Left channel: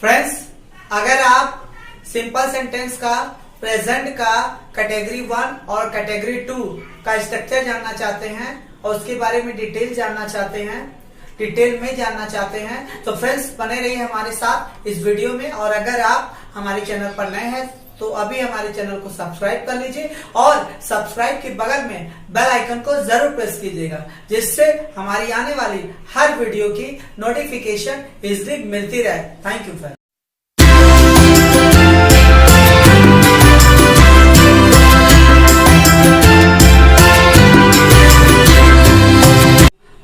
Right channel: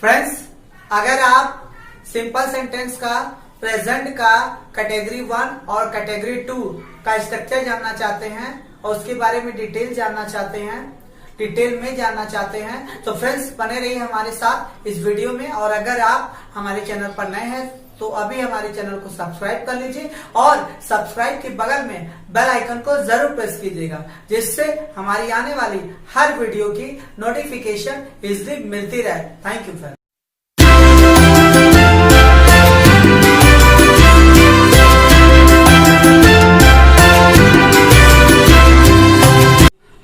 Friends, अगर आप simple sentence का प्रेजेंट का कैटेगरी 1 और कैटेगरी 2 का स्ट्रक्चर जानना चाहते हैं और उसके बारे में डिटेल में जानना चाहते हैं तो फ्रेंड्स बने रहिए हमारे साथ इस वीडियो में। और अगर आप हमारे चैनल पर नए हैं तो अभी हमारे चैनल को सब्सक्राइब कर लीजिए और सब्सक्राइब के बगल में बेल आइकन को जरूर प्रेस कीजिएगा, जिससे हमारी आने वाली हर वीडियो की नोटिफिकेशन इजीली मिलती रहे। Thank you friends.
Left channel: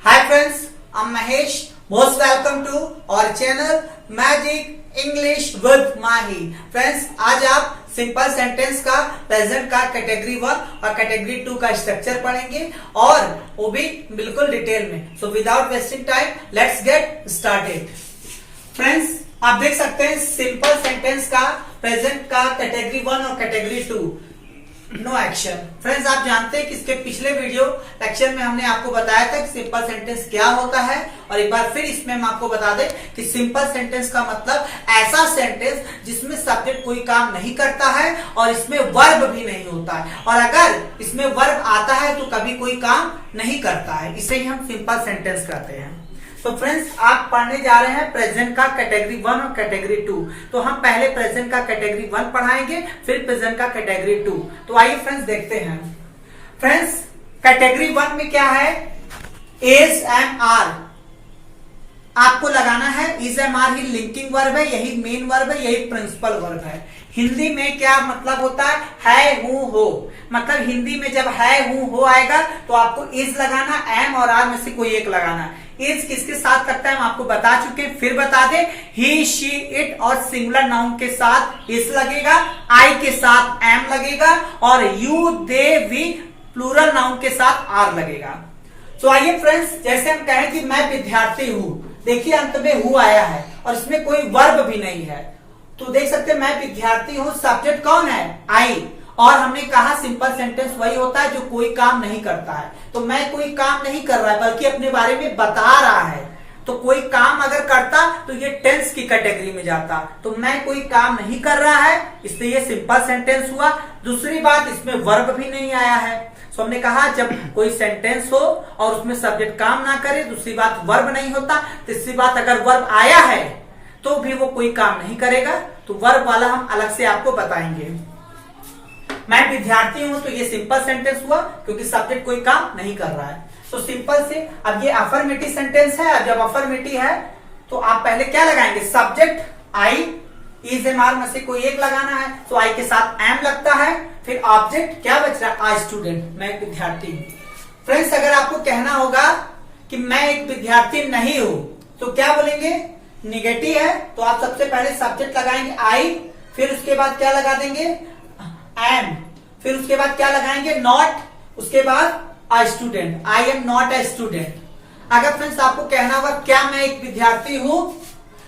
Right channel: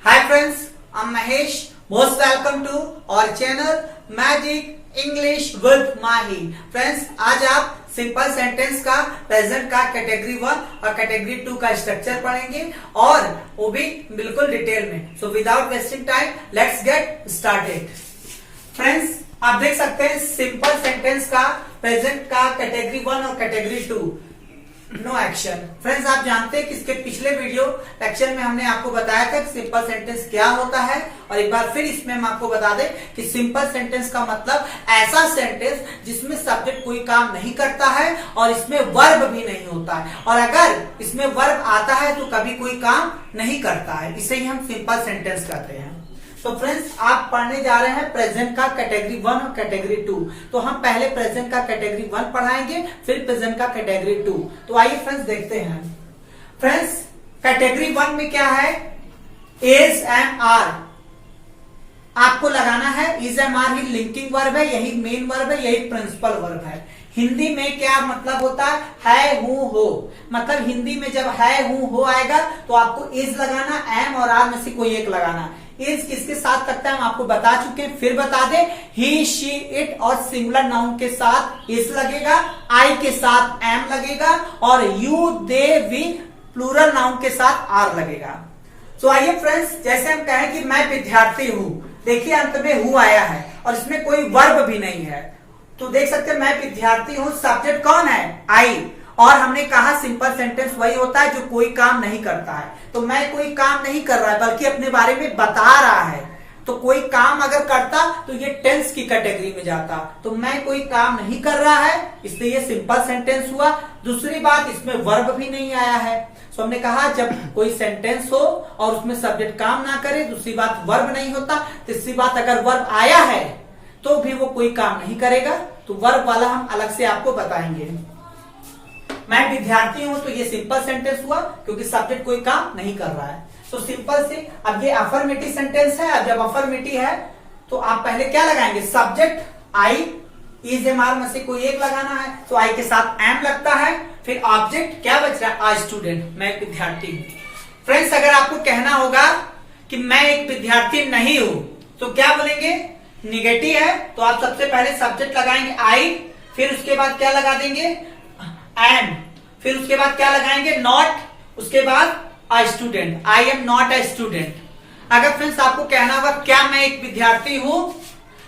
Hi friends, I'm Mahesh. Most welcome to our channel Magic English with Mahi. Friends, आज आप सिंपल सेंटेंस का प्रेजेंट का कैटेगरी 1 और कैटेगरी 2 का स्ट्रक्चर पढ़ेंगे और वो भी बिल्कुल डिटेल में। So without wasting time let's get started. Friends, आप देख सकते हैं सिंपल सेंटेंस का प्रेजेंट का कैटेगरी 1 और कैटेगरी 2 नो एक्शन। फ्रेंड्स, आप जानते हैं कि इसके पिछले वीडियो लेक्चर में हमने आपको बताया था कि सिंपल सेंटेंस क्या होता है, और एक बार फिर इसमें हम आपको बता दें कि सिंपल सेंटेंस का मतलब ऐसा सेंटेंस जिसमें सब्जेक्ट कोई काम नहीं करता है और इसमें वर्ब भी नहीं होता है, और अगर इसमें वर्ब आता है तो कभी कोई काम नहीं करता है। इसे ही हम सिंपल सेंटेंस कहते हैं। तो फ्रेंड्स, आप पढ़ने जा रहे हैं प्रेजेंट का कैटेगरी 1 और कैटेगरी 2। तो हम पहले प्रेजेंट का कैटेगरी 1 पढ़ाएंगे, फिर प्रेजेंट का कैटेगरी 2। तो आइए फ्रेंड्स देखते हैं। फ्रेंड्स, कैटेगरी 1 में क्या है? इज एम आर आपको लगाना है। इज एम आर ही लिंकिंग वर्ब है, यही मेन वर्ब है, यही प्रिंसिपल वर्ब है। हिंदी में क्या मतलब होता है? हूं हो। मतलब हिंदी में जब है हूं हो आएगा तो आपको इज लगाना, एम और आर में से कोई एक लगाना। इज किसके साथ लगता है हम आपको बता चुके हैं, फिर बता दे। ही, शी, इट और सिंगुलर नाउन के साथ इज लगेगा, आई के साथ एम लगेगा और you, they, we plural noun के साथ आर लगेगा। तो आइए फ्रेंड्स, जैसे हम कहें कि मैं विद्यार्थी हूं, देखिए अंत में हूं आया है और इसमें कोई वर्ब भी नहीं है। तो देख सकते हैं मैं विद्यार्थी हूं, सब्जेक्ट कौन है? आई। और हमने कहा सिंपल सेंटेंस वही होता है जो कोई काम नहीं करता है। तो मैं कोई काम नहीं कर रहा है बल्कि अपने बारे में बता रहा है। तो कोई काम अगर करता तो ये टेंस की कैटेगरी में जाता। तो मैं कोई काम नहीं कर रहा है, इसलिए ये सिंपल सेंटेंस हुआ। दूसरी बात, इसमें वर्ब भी नहीं आया है। तो हमने कहा जब कोई सेंटेंस हो और उसमें सब्जेक्ट काम ना करे, दूसरी बात वर्ब नहीं होता, तीसरी बात अगर वर्ब आया है तो भी वो कोई काम नहीं करेगा। तो वर्ब वाला हम अलग से आपको बताएंगे। मैं विद्यार्थी हूं तो ये सिंपल सेंटेंस हुआ क्योंकि सब्जेक्ट कोई काम नहीं कर रहा है। तो सिंपल से अब ये अफर्मेटिव सेंटेंस है। अब जब अफर्मेटिव है तो आप पहले क्या लगाएंगे? Subject I, is am are में से कोई एक लगाना है, तो आई के साथ एम लगता है। फिर ऑब्जेक्ट क्या बच रहा है? आ स्टूडेंट, मैं एक विद्यार्थी हूं। फ्रेंड्स, अगर आपको कहना होगा कि मैं एक विद्यार्थी नहीं हूं तो क्या बोलेंगे? निगेटिव है तो आप सबसे पहले सब्जेक्ट लगाएंगे आई, फिर उसके बाद क्या लगा देंगे? एम, फिर उसके बाद क्या लगाएंगे? नॉट, उसके बाद a student, I am not a student. अगर फ्रेंड्स आपको कहना होगा क्या मैं एक विद्यार्थी हूं,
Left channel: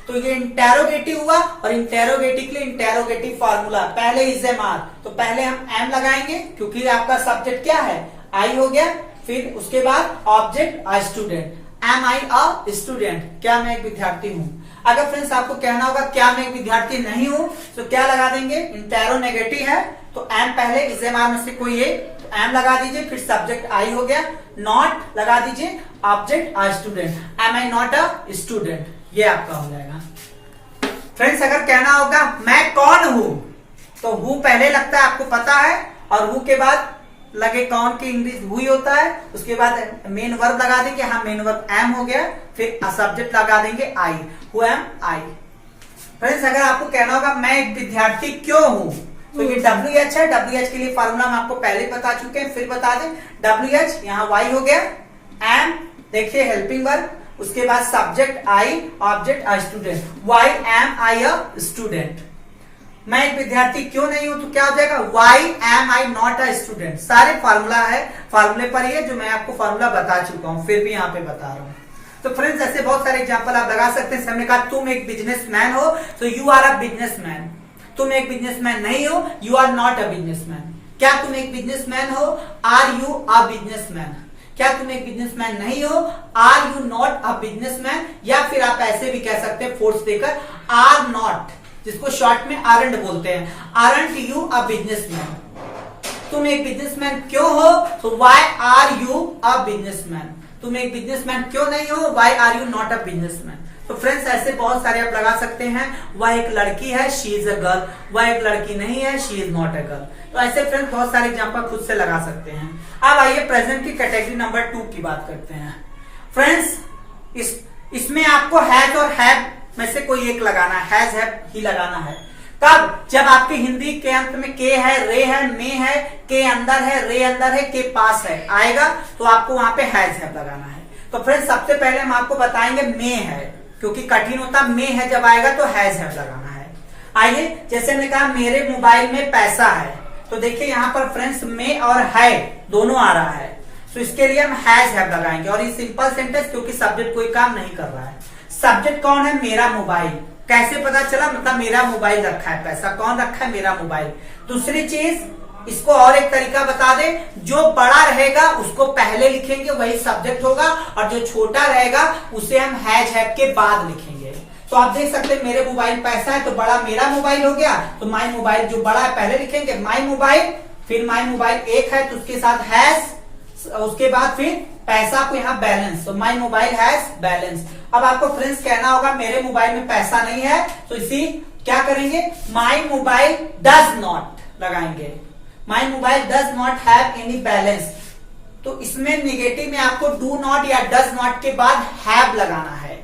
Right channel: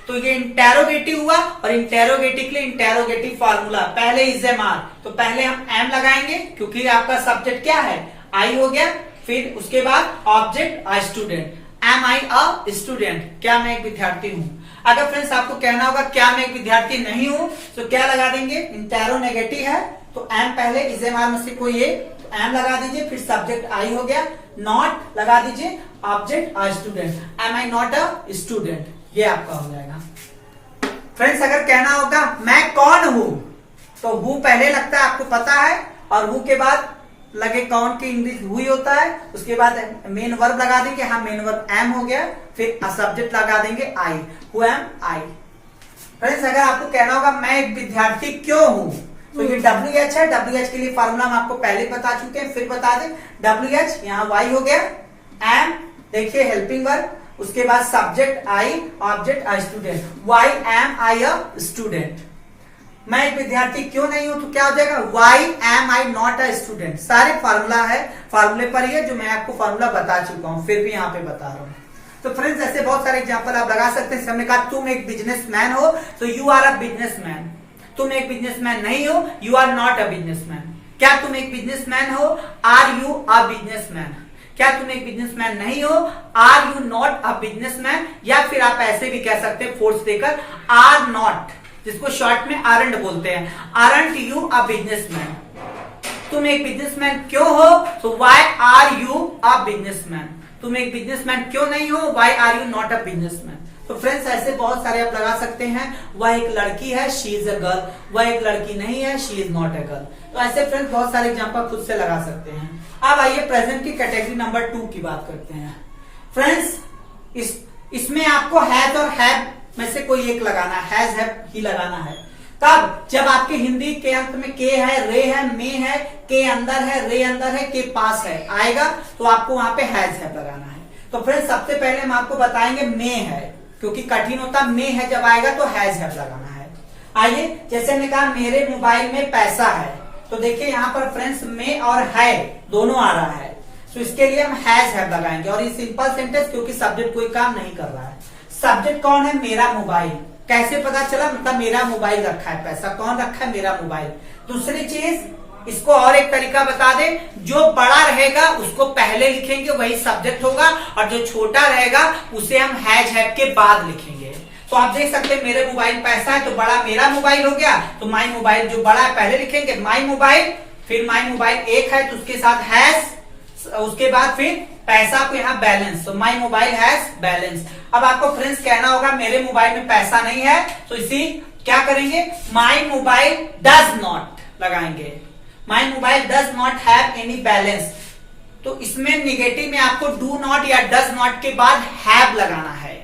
तो ये इंटेरोगेटिव हुआ, और इंटेरोगेटिव के लिए इंटेरोगेटिव फॉर्मूला, पहले इज एम आर, तो पहले हम एम लगाएंगे क्योंकि आपका सब्जेक्ट क्या है? आई हो गया। फिर उसके बाद object a student, am I a student, क्या मैं एक विद्यार्थी हूं। अगर फ्रेंड्स आपको कहना होगा क्या मैं एक विद्यार्थी नहीं हूं, तो क्या लगा देंगे? इंटेरो नेगेटिव है तो एम पहले, इज एम आर में से कोई एक, तो एम लगा दीजिए। फिर सब्जेक्ट आई हो गया, नॉट लगा दीजिए, object a student, am I not a student, ये आपका हो जाएगा। फ्रेंड्स, अगर कहना होगा मैं कौन हूं, तो हूं पहले लगता है, आपको पता है, और हूं के बाद लगे कौन की इंग्लिश हुई होता है, उसके बाद मेन वर्ब लगा देंगे। हाँ, मेन वर्ब एम हो गया, फिर सब्जेक्ट लगा देंगे आई, हु एम आई। फ्रेंड्स, अगर आपको कहना होगा मैं एक विद्यार्थी क्यों हूं, तो ये WH है। WH के लिए फॉर्मूला हम आपको पहले बता चुके हैं, फिर बता दें। WH यहाँ Y हो गया, एम देखिए हेल्पिंग वर्ब, उसके बाद subject I, object a student, why am I a student. मैं एक विद्यार्थी क्यों नहीं हूं तो क्या हो जाएगा? Why am I not a student. सारे फार्मूला है, फार्मूले पर ही जो मैं आपको फार्मूला बता चुका हूं, फिर भी यहाँ पे बता रहा हूं। तो फ्रेंड्स, ऐसे बहुत सारे एग्जांपल आप लगा सकते हैं। हमने कहा तुम एक बिजनेसमैन हो तो यू आर अ बिजनेसमैन। तुम एक बिजनेसमैन नहीं हो, you are not a businessman. क्या तुम एक बिजनेसमैन हो? Are you a businessman. क्या तुम एक बिजनेसमैन नहीं हो? Are you not a businessman. या फिर आप ऐसे भी कह सकते हैं फोर्स देकर, आर नॉट, जिसको शॉर्ट में आरंट बोलते हैं, आरंट यू अ बिजनेसमैन, तुम एक बिजनेसमैन क्यों हो? तो why are you a businessman, तुम एक बिजनेसमैन क्यों नहीं हो? Why are you not a businessman. तो फ्रेंड्स ऐसे बहुत सारे आप लगा सकते हैं। वह एक लड़की है, शी इज अ गर्ल, वह एक लड़की नहीं है, she is not a girl. तो ऐसे फ्रेंड्स बहुत सारे एग्जांपल खुद से लगा सकते हैं। अब आइए प्रेजेंट की कैटेगरी नंबर 2 की बात करते हैं। फ्रेंड्स इसमें आपको हैज और हैव में से कोई एक लगाना है, हैज हैव ही लगाना है। तब जब आपके हिंदी के अंत में के है, रे है, मे है, के अंदर है, रे अंदर है, के पास है आएगा, तो आपको वहां पे हैज हैव लगाना है। तो फ्रेंड्स सबसे पहले हम आपको बताएंगे मे है, क्योंकि कठिन होता मे है जब आएगा तो हैज हैव लगाना है। आइए जैसे हमने कहा मेरे मोबाइल में पैसा है, तो देखिए यहाँ पर फ्रेंड्स में और है दोनों आ रहा है, तो इसके लिए हम हैज हैव लगाएंगे। और ये सिंपल सेंटेंस, क्योंकि सब्जेक्ट कोई काम नहीं कर रहा है। सब्जेक्ट कौन है? मेरा मोबाइल। कैसे पता चला? मतलब मेरा मोबाइल रखा है, पैसा कौन रखा है? मेरा मोबाइल। दूसरी चीज, इसको और एक तरीका बता दे, जो बड़ा रहेगा उसको पहले लिखेंगे, वही सब्जेक्ट होगा, और जो छोटा रहेगा उसे हम हैज हैव के बाद लिखेंगे। तो आप देख सकते हैं मेरे मोबाइल पैसा है, तो बड़ा मेरा मोबाइल हो गया, तो माई मोबाइल जो बड़ा है पहले लिखेंगे, माई मोबाइल, फिर माई मोबाइल एक है तो उसके साथ हैज, उसके बाद फिर पैसा को यहाँ बैलेंस, तो माई मोबाइल हैज बैलेंस। अब आपको फ्रेंड्स कहना होगा मेरे मोबाइल में पैसा नहीं है, तो इसी क्या करेंगे? माई मोबाइल डज नॉट लगाएंगे, माई mobile does not have any balance. तो इसमें निगेटिव में आपको डू नॉट या डज नॉट के बाद हैव लगाना है।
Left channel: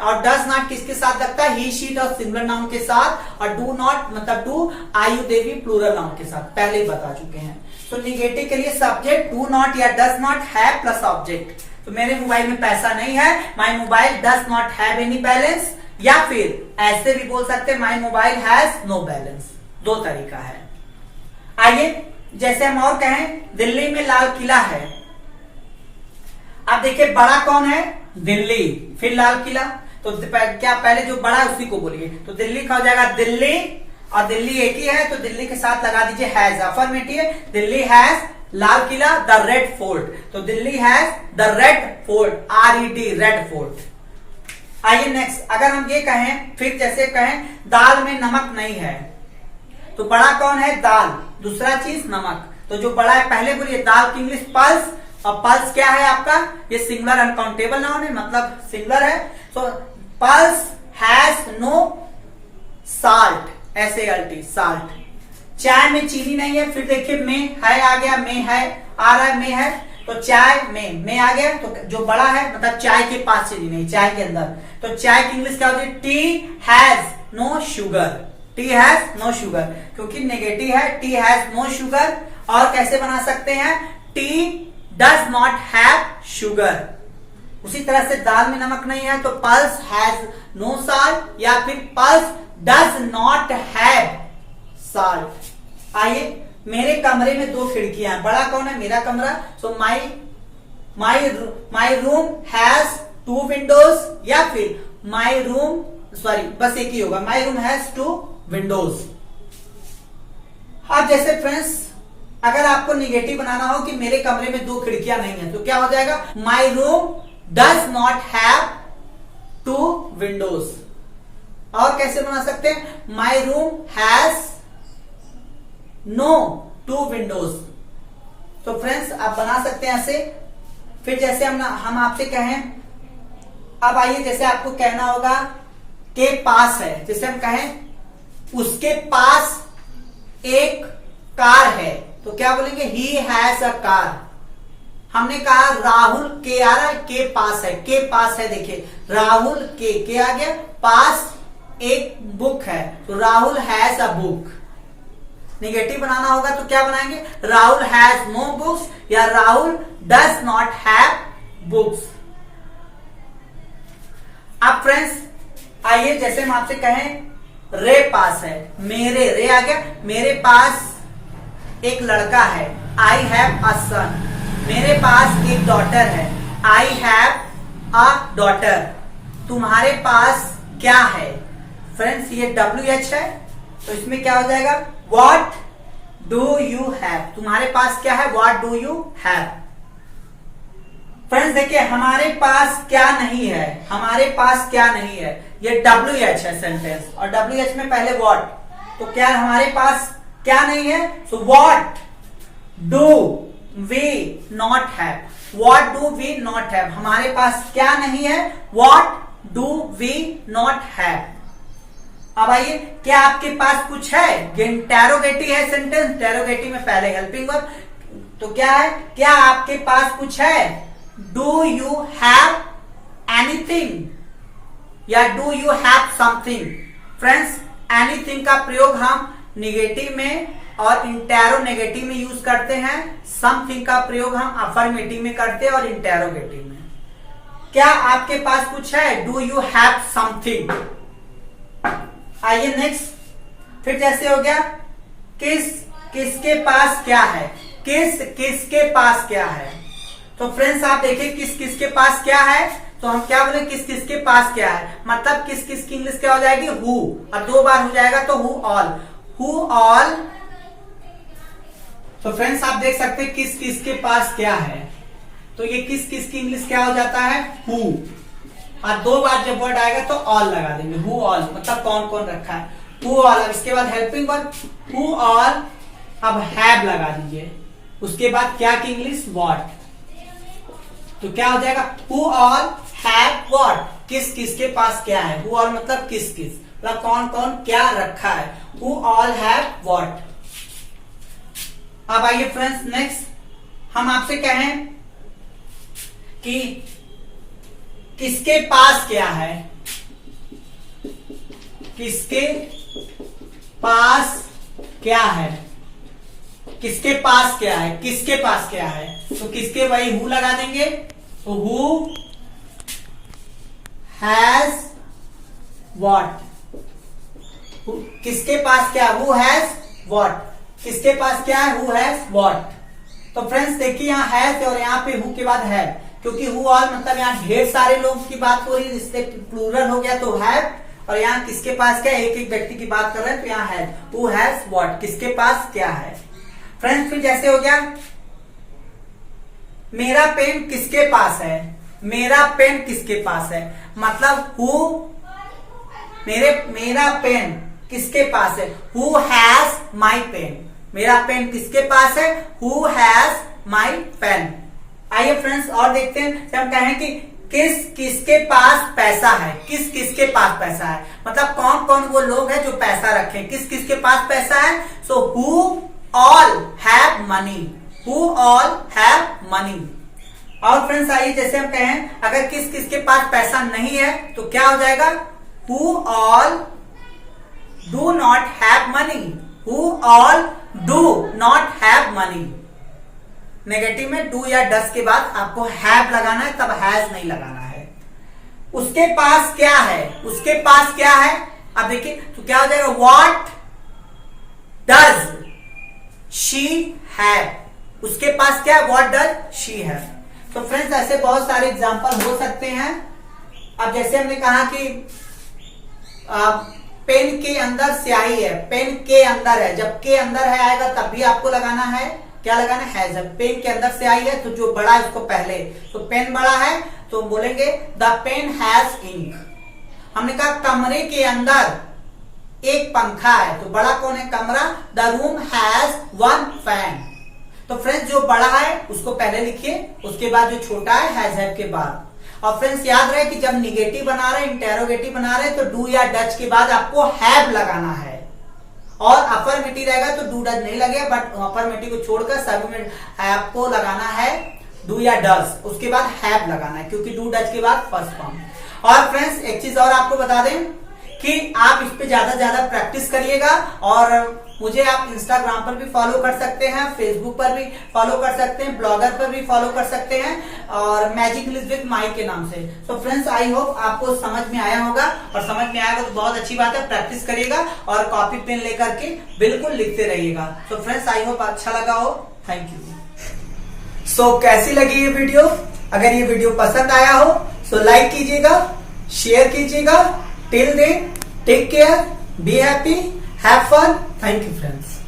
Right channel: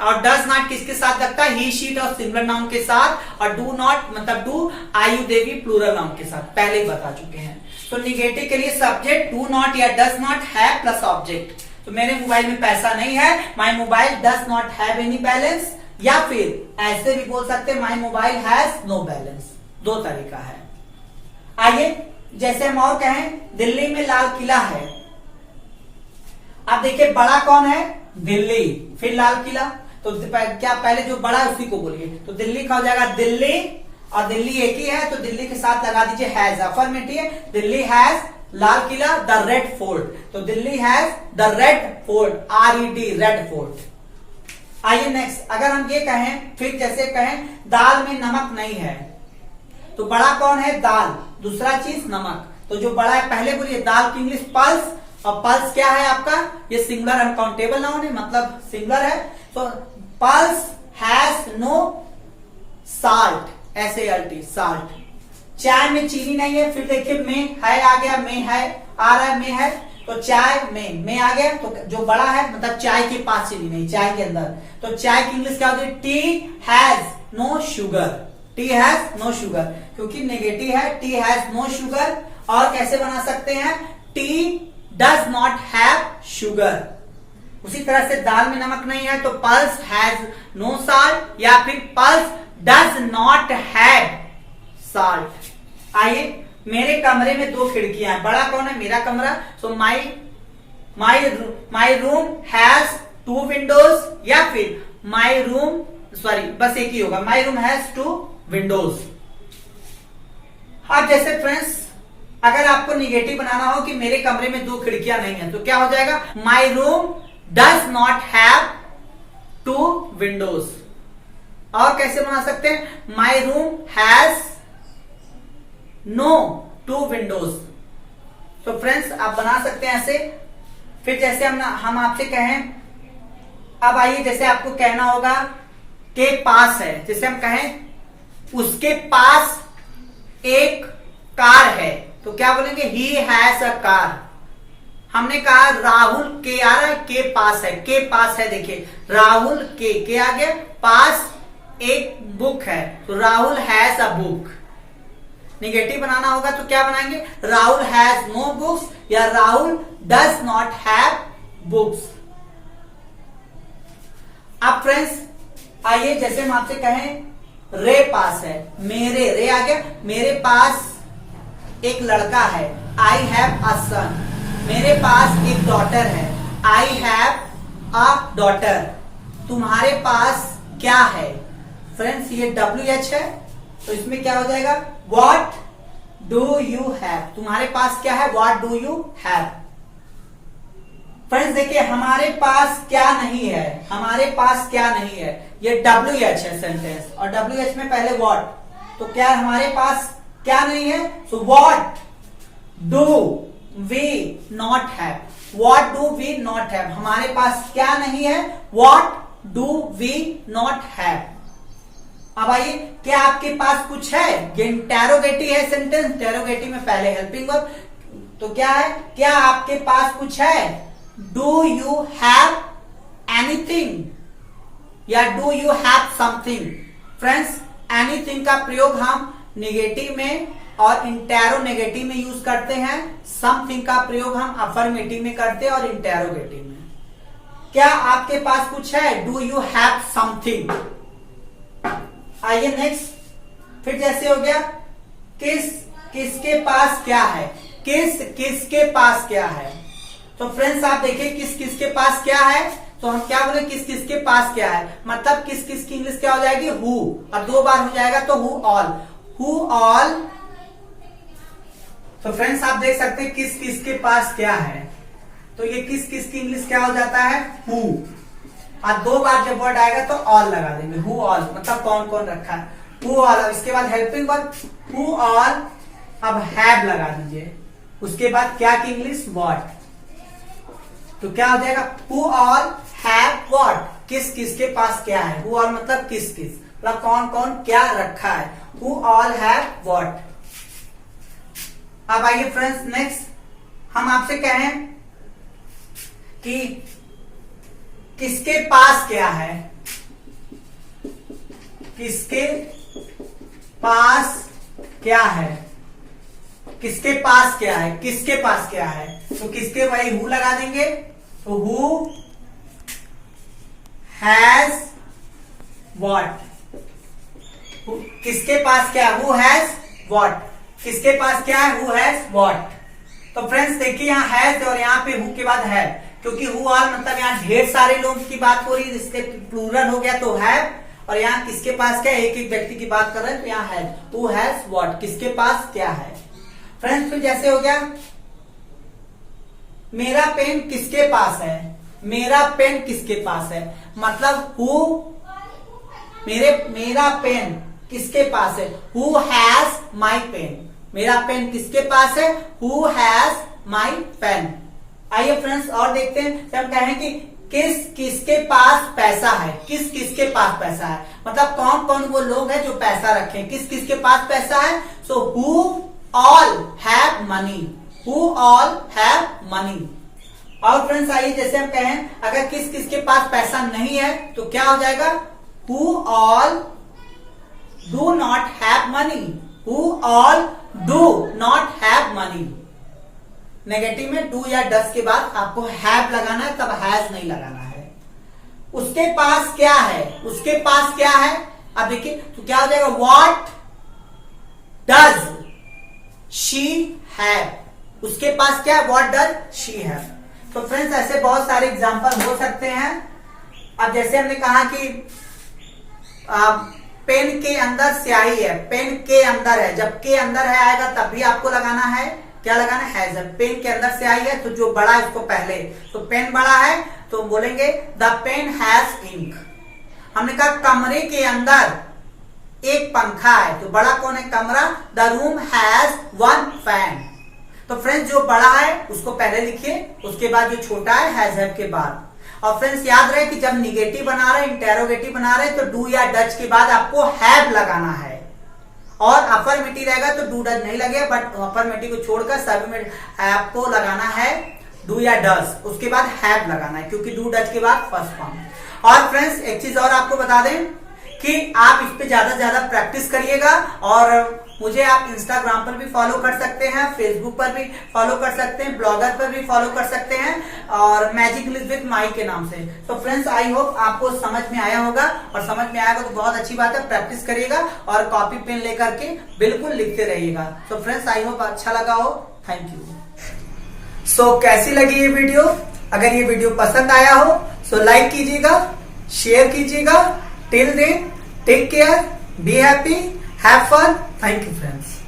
और डज नॉट किसके साथ लगता है? ही शी और सिंगुलर नाउन के साथ, और डू नॉट मतलब डू आयु देवी प्लूरल नाउन के साथ, पहले ही बता चुके हैं। तो निगेटिव के लिए सब्जेक्ट डू नॉट या does not have plus object. तो मेरे मोबाइल में पैसा नहीं है, my mobile does not have any balance, या फिर ऐसे भी बोल सकते हैं my mobile has no balance. दो तरीका है। आइए जैसे हम और कहें दिल्ली में लाल किला है। अब देखिए बड़ा कौन है? दिल्ली, फिर लाल किला, तो क्या पहले जो बड़ा है उसी को बोलिए, तो दिल्ली का हो जाएगा दिल्ली, और दिल्ली एक ही है तो दिल्ली के साथ लगा दीजिए has, affirmative. Delhi has Lal Qila, the red fort, तो Delhi has the red fort, RED red fort. आइए नेक्स्ट, अगर हम ये कहें, फिर जैसे कहें दाल में नमक नहीं है, तो बड़ा कौन है? दाल, दूसरा चीज नमक, तो जो बड़ा है पहले बोलिए। दाल की इंग्लिश पल्स, और पल्स क्या है आपका? ये सिंगुलर अनकाउंटेबल नाउन है, मतलब सिंगुलर है, तो pulse has no salt, SALT salt. चाय में चीनी नहीं है, फिर देखिए में है आ गया, में है आ रहा है, में है, तो चाय में आ गया, तो जो बड़ा है मतलब चाय के पास चीनी नहीं, चाय के अंदर, तो चाय की इंग्लिश क्या होती है? Tea has no sugar, tea has no sugar, क्योंकि नेगेटिव है, टी हैज नो शुगर। और कैसे बना सकते हैं? Tea does not have sugar. उसी तरह से दाल में नमक नहीं है, तो पल्स हैज नो साल्ट, या फिर pulse does not have salt. आइए मेरे कमरे में 2 खिड़कियां हैं, बड़ा कौन है? मेरा कमरा, सो माई रूम हैज 2 विंडोज, या फिर माई रूम, सॉरी बस एक ही होगा, माई रूम हैज 2 विंडोज। अब जैसे फ्रेंड्स अगर आपको निगेटिव बनाना हो कि मेरे कमरे में 2 खिड़कियां नहीं है, तो क्या हो जाएगा? My room does not have 2 windows. और कैसे बना सकते हैं? My room has no 2 windows. तो फ्रेंड्स आप बना सकते हैं ऐसे। फिर जैसे हम आपसे कहें, अब आइए जैसे आपको कहना होगा के पास है, जैसे हम कहें उसके पास एक कार है, तो क्या बोलेंगे? He has a car. हमने कहा राहुल के आ रहा है, के पास है, के पास है, देखिए राहुल के आ गया, पास एक बुक है, तो Rahul has a book. Negative बनाना होगा तो क्या बनाएंगे? राहुल हैज नो बुक्स, या Rahul does not have books. अब फ्रेंड्स आइए जैसे हम आपसे कहें रे पास है, मेरे, रे आ गया, मेरे पास एक लड़का है, आई हैव अ सन। मेरे पास एक डॉटर है, आई हैव अ डॉटर। तुम्हारे पास क्या है? फ्रेंड्स ये WH है, तो इसमें क्या हो जाएगा? What do you have? तुम्हारे पास क्या है? What do you have? Friends देखिए हमारे पास क्या नहीं है, हमारे पास क्या नहीं है, ये WH है सेंटेंस और WH में पहले व्हाट, तो क्या हमारे पास क्या नहीं है, so what do we not have, what do we not have, हमारे पास क्या नहीं है, what do we not have. अब आइए, क्या आपके पास कुछ है, ये इंटेरोगेटिव है सेंटेंस, इंटेरोगेटिव में पहले हेल्पिंग वर्ब, तो क्या है, क्या आपके पास कुछ है, डू यू हैव एनीथिंग या do you have something. Friends anything का प्रयोग हम निगेटिव में और इंटेरोनेगेटिव में यूज करते हैं, समथिंग का प्रयोग हम अफर्मेटिव में करते हैं और इंटेरोगेटिव में। क्या आपके पास कुछ है, डू यू हैव समथिंग। आइए नेक्स्ट, फिर जैसे हो गया किसके पास क्या है, किसके पास क्या है, तो फ्रेंड्स आप देखिए किसके पास क्या है, तो हम क्या बोले किसके पास क्या है, मतलब किस की इंग्लिश क्या हो जाएगी, हु, और 2 बार हो जाएगा तो हु ऑल। तो फ्रेंड्स आप देख सकते हैं किसके पास क्या है, तो ये किस की इंग्लिश क्या हो जाता है, हु, और 2 बार जब वर्ड आएगा तो ऑल लगा देंगे, हु ऑल मतलब कौन कौन रखा है, हु ऑल। अब इसके बाद हेल्पिंग वर्ब हु ऑल, अब हैव लगा दीजिए, उसके बाद क्या की इंग्लिश, व्हाट, तो क्या हो जाएगा, हु ऑल हैव व्हाट, किसके पास क्या है, हु ऑल मतलब किस मतलब कौन कौन क्या रखा है, हु ऑल हैव व्हाट। अब आइए फ्रेंड्स नेक्स्ट, हम आपसे कहें कि किसके पास क्या है, किसके पास क्या है, किसके पास क्या है, किसके पास क्या है, तो किसके वही हु लगा देंगे, तो हु हैज व्हाट, किसके पास क्या है, हु हैज व्हाट, किसके पास क्या है, हु हैज व्हाट। तो फ्रेंड्स देखिए यहाँ हैज और यहाँ पे हु के बाद है, क्योंकि हु ऑल मतलब यहाँ ढेर सारे लोगों की बात हो रही है, इसलिए प्लूरल हो गया तो हैव, और यहाँ किसके पास क्या है, एक व्यक्ति की बात कर रहे हैं तो यहाँ हैज, हु हैज व्हाट, किसके पास क्या है। फ्रेंड्स फिर जैसे हो गया मेरा पेन किसके पास है, मेरा पेन किसके पास है, मतलब हु मेरा पेन किसके पास है, हु हैज माई पेन, मेरा पेन किसके पास है, हु हैज माई पेन। आइए फ्रेंड्स और देखते हैं, जब हम कहें कि किसके पास पैसा है, किसके पास पैसा है, मतलब कौन कौन वो लोग हैं जो पैसा रखे, किसके पास पैसा है, so who all have money, who all have money. और फ्रेंड्स आइए जैसे हम कहें अगर किसके पास पैसा नहीं है तो क्या हो जाएगा, who all do not have money, who all do not have money. Negative में डू या डस के बाद आपको हैव लगाना है, तब हैज नहीं लगाना है। उसके पास क्या है, उसके पास क्या है, अब देखिए तो क्या हो जाएगा, व्हाट डज शी हैव, उसके पास क्या है, व्हाट डज शी हैव। तो फ्रेंड्स ऐसे बहुत सारे एग्जांपल हो सकते हैं। अब जैसे हमने कहा कि पेन के अंदर स्याही है, पेन के अंदर है, जब के अंदर है आएगा तब भी आपको लगाना है, क्या लगाना है, जब पेन के अंदर स्याही है तो जो बड़ा है उसको पहले, तो पेन बड़ा है तो बोलेंगे द पेन हैज इंक। हमने कहा कमरे के अंदर एक पंखा है, तो बड़ा कौन है, कमरा, the room has one fan. तो फ्रेंड्स जो बड़ा है उसको पहले लिखिए, उसके बाद जो छोटा है हैव के बाद। और फ्रेंड्स याद रहे कि जब निगेटिव बना रहे, इंटेरोगेटिव बना रहे तो डू या डच के बाद आपको हैव लगाना है, और अफर्मेटिव रहेगा तो डू डज नहीं लगेगा, बट अफर्मेटिव को छोड़कर सभी में आपको लगाना है डू या डज, उसके बाद हैव लगाना है, क्योंकि डू डज के बाद फर्स्ट फॉर्म। और फ्रेंड्स एक चीज और आपको बता दें कि आप इस पे ज्यादा प्रैक्टिस करिएगा, और मुझे आप इंस्टाग्राम पर भी फॉलो कर सकते हैं, फेसबुक पर भी फॉलो कर सकते हैं, ब्लॉगर पर भी फॉलो कर सकते हैं, और मैजिक इंग्लिश विद माही के नाम से। तो फ्रेंड्स आई होप आपको समझ में आया होगा, और समझ में आएगा तो बहुत अच्छी बात है, प्रैक्टिस करिएगा और कॉपी पेन लेकर के बिल्कुल लिखते रहिएगा। तो फ्रेंड्स आई होप अच्छा लगा हो, थैंक यू। सो कैसी लगी ये वीडियो, अगर ये वीडियो पसंद आया हो तो लाइक कीजिएगा, शेयर कीजिएगा। Till then take care, be happy, have fun, thank you friends.